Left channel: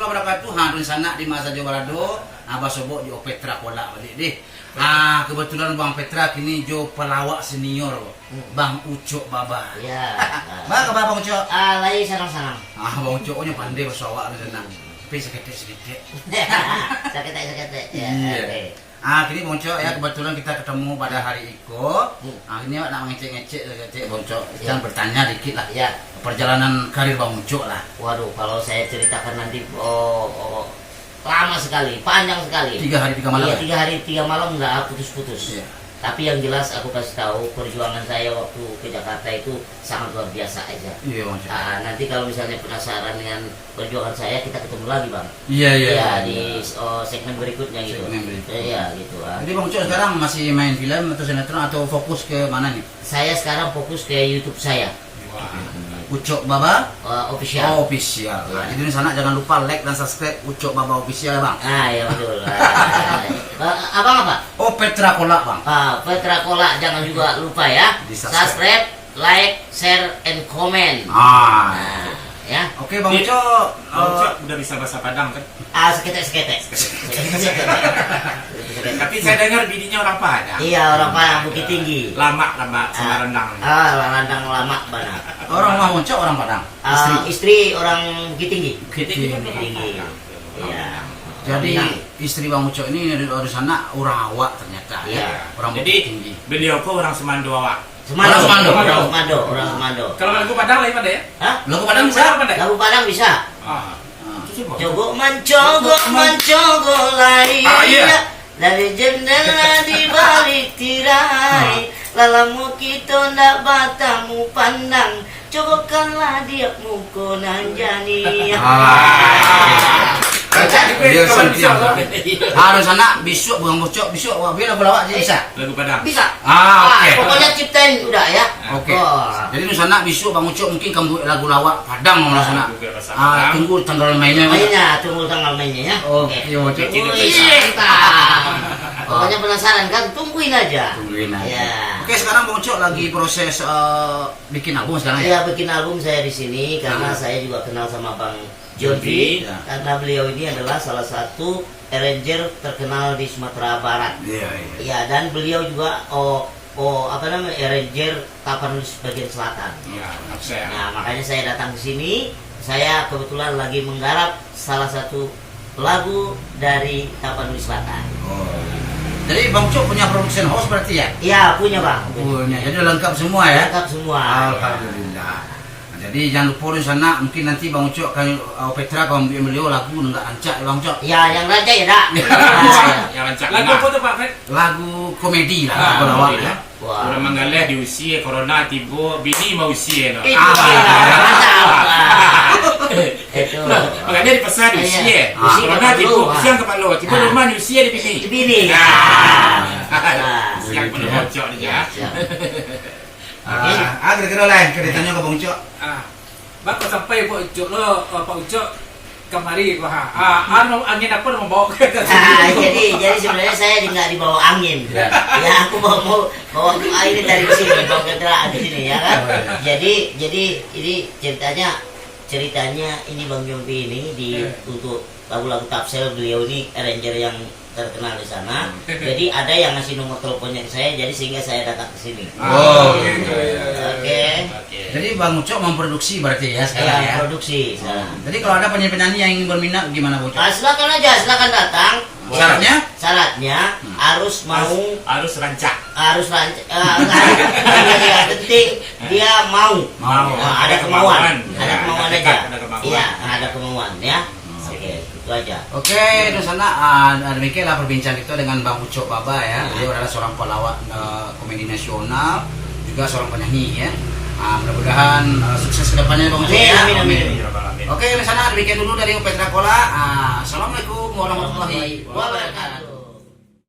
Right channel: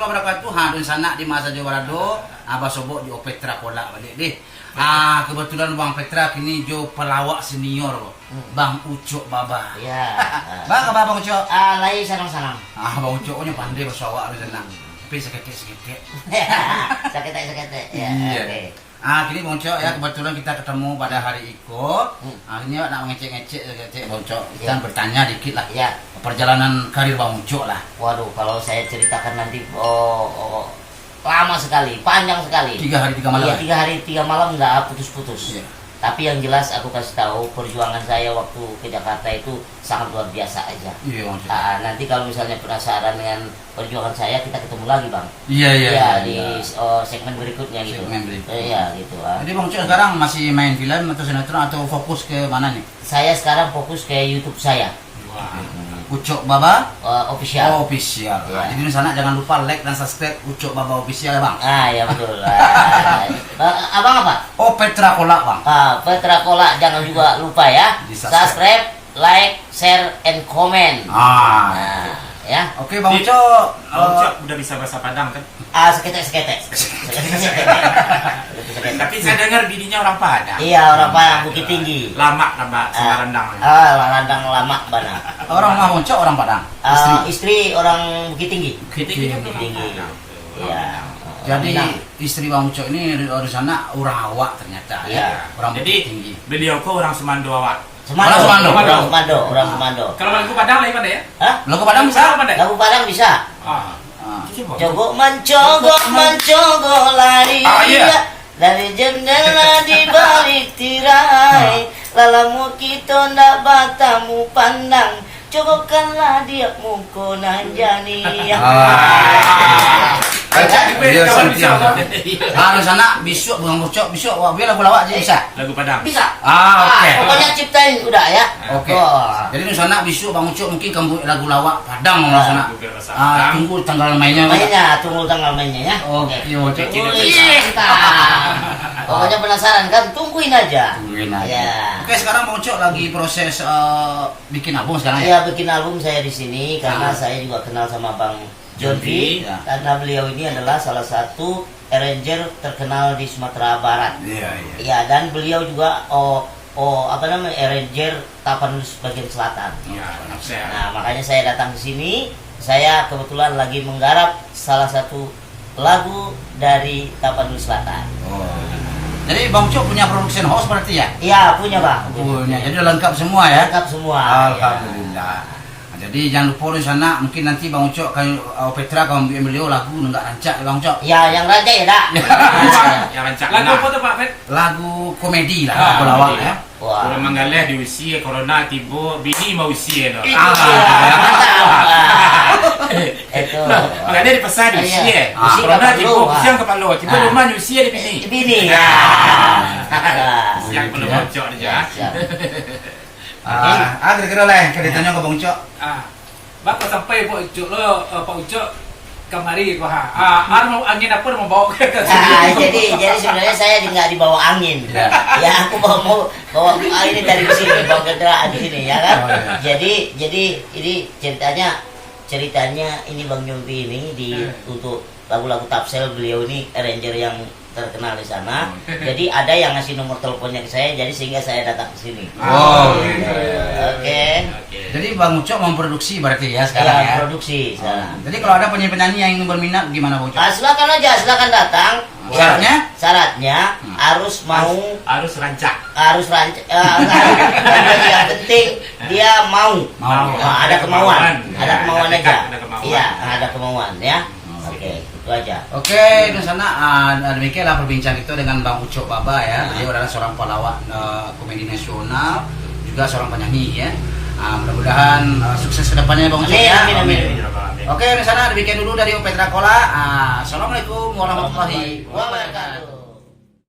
warahmatullahi wabarakatuh. Hadun sana di masa Jawarado, Abah Sobok jo Petra Kola balik deh. Kebetulan Bang Petra kini jo pelawak senior, Bang Ucok Baba. Iya. Bang Ucok. Lagi sarang-sarang. Bang Ucoknya pandai bersawak di sana. Tapi seketek. Seketek. Ya. Iya. Oke. Kini Bang Ucok ya, kebetulan kita ketemu pada hari ikut. Akhirnya nak ngecek Bang Ucok. Kita bertanya dikit lah. Iya. Perjalanan karir Bang Ucok lah. Waduh, kalau saya ceritakan nanti lama sekali, panjang sekali. 3 hari 3 malam. Iya, 3 hari 3 malam nggak putus-putus. Iya. Tapi yang jelas aku kasih tahu perjuangan saya waktu ke Jakarta itu sangat luar biasa aja. Iya Bang Ucok. Nanti kalau misalnya penasaran dengan perjuangan saya, kita ketemu lagi Bang. Iya. Di segmen berikutnya gitu. Segmen berikutnya. Iya gitu. Jadi Bang Ucok sekarang masih main film atau sinetron atau fokus ke mana nih? Saya sekarang fokus ke YouTube saya. Ucok Baba Official. Official. Ya. Jadi di sana jangan lupa like dan subscribe Ucok Baba Official ya Bang. Ya betul. Abang apa? Oh Petra Kola Bang. Petra Kola, jangan juga lupa ya. Subscribe, like, share, and comment. Ya. Oke Bang Ucok. Bang Ucok udah bisa bahasa Padang kan? Seketek. Tapi saya dengar bininya orang Padang. Iya, orang Padang, Bukit Tinggi. Lama sama rendang. Landang lama banget. Orang Bang Ucok orang Padang. Istri orang Bukit Tinggi. Bukit Tinggi. Iya. Jadi istri Bang Ucok ini dari sana Urawak ternyata. Iya. Orang Jadi Bukit Tinggi. beliau kok orang Semando awak. Orang Semando. Semando. Kalau lagu Padang lain pada ya? Hah? Lagu Padang bisa? Lagu Padang bisa. Coba mencogo lari dari jendela di balik tirai, lalamu kita ndak batamu pandang, cokokanlah dia muko nanjani. Harus sana besok Bang Ucok besok biar lagu-lawak bisa. Lagu Padang. Bisa. Oke. Pokoknya ciptain udah ya. Oke. Jadi di sana besok Bang Ucok mungkin kamu lagu lawak Padang di sana. Tunggu tanggal mainnya. Tunggu tanggal mainnya ya. Oke. Pokoknya penasaran kan, tungguin aja. Ya. Oke, sekarang Bang Ucok lagi proses bikin album sekarang ya? Iya, bikin album saya di sini karena saya juga kenal sama Bang John V, karena beliau ini adalah salah satu arranger terkenal di Sumatera Barat. Iya, dan beliau juga arranger Tapanuli bagian selatan. Nah, makanya saya datang ke sini. Saya kebetulan lagi menggarap salah satu lagu dari Tapanuli Selatan. Jadi Bang Ucok punya production house berarti ya? Iya, punya Bang. Punya. Jadi lengkap semua ya? Lengkap semua. Alhamdulillah. Jadi jangan lupa di sana, mungkin nanti Bang Ucok kalau Petra kalau beliau lagu nggak rancak ya Bang Ucok? Ya, yang rancak ya dak. Yang rancak. Lagu apa tuh Pak Fet? Lagu komedi lah, lagu lawak ya. Wah. Udah mengalah di usia corona tiba bini mau usia no. Itu. Makanya di pesan di usia. Corona tiba siang kepala, tiba rumah di usia di bini. Bini. Siang belum bocor aja. Kira-kira lah ceritanya ke Bang Ucok. Bapak sampai Pak Ucok lo, Pak Ucok kemari angin apa mau bawa ke Jadi sebenarnya saya nggak dibawa angin. Ya aku mau bawa ini dari sini, bawa kendaraan di sini ya kan. Jadi ini ceritanya ini Bang Jompi ini untuk lagu-lagu Tapsel, beliau ini arranger yang terkenal di sana. Jadi ada yang ngasih nomor teleponnya ke saya, jadi sehingga saya datang ke sini. Oke. Jadi Bang Ucok memproduksi berarti ya sekarang ya? Produksi sekarang. Jadi kalau ada penyanyi-penyanyi yang ingin berminat gimana Bang Ucok? Silakan aja, silakan datang. Syaratnya harus rancak. Yang penting dia mau. Ada kemauan aja. Iya, ada kemauan ya. Oke, itu aja. Oke, di sana demikianlah perbincang kita dengan Bang Ucok Baba ya. Dia adalah seorang pelawak komedi nasional, juga seorang penyanyi ya. Mudah-mudahan sukses kedepannya Bang Ucok ya. Amin. Oke, di sana demikian dulu dari Petra Kola. Assalamualaikum warahmatullahi wabarakatuh.